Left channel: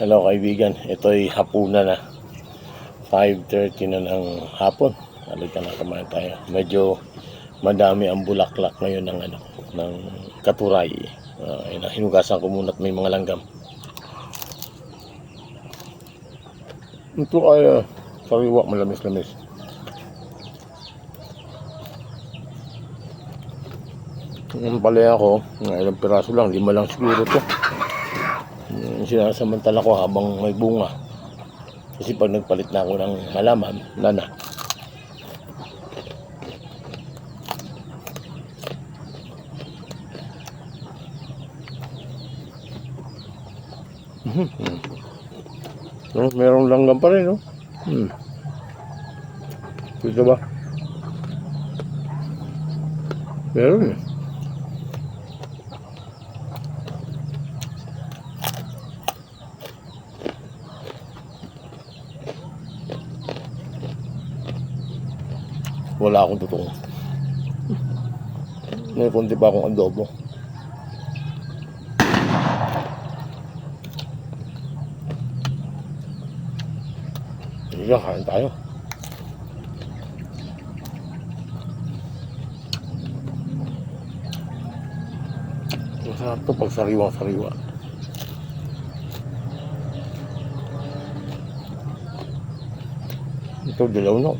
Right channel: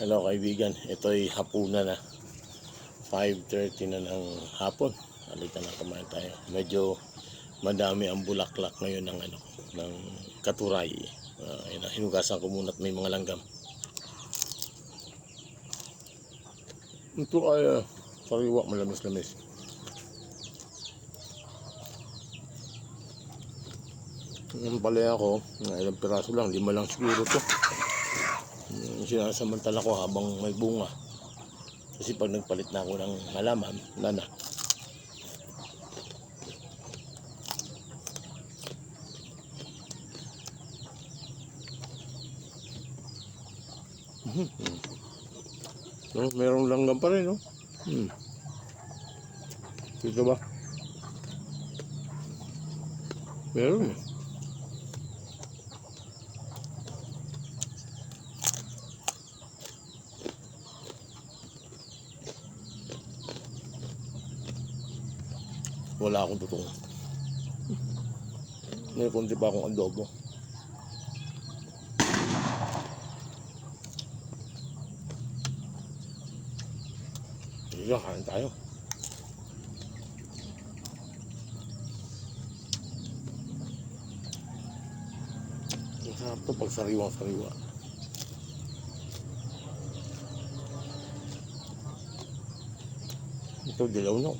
Hello kaibigan, ito'y hapunan na 5:30 na ng hapon. Halika na kumain tayo. Medyo madami ang bulaklak ngayon ng katuray. Hinugasan ko muna at may mga langgam. Ito ay sariwa, malamis-lamis. Ang palaya ko, ilang piraso lang, 5 lang siguro to. Sinasamantala ko habang may bunga, kasi pag nagpalit na ako ng halaman, nana. Merong langgam pa rin, no? Dito ba? Meron eh. Wala akong tutong. May konti pa akong adobo. Sige, kain tayo. Masarap to pag sariwa-sariwa. Ito dilaw na.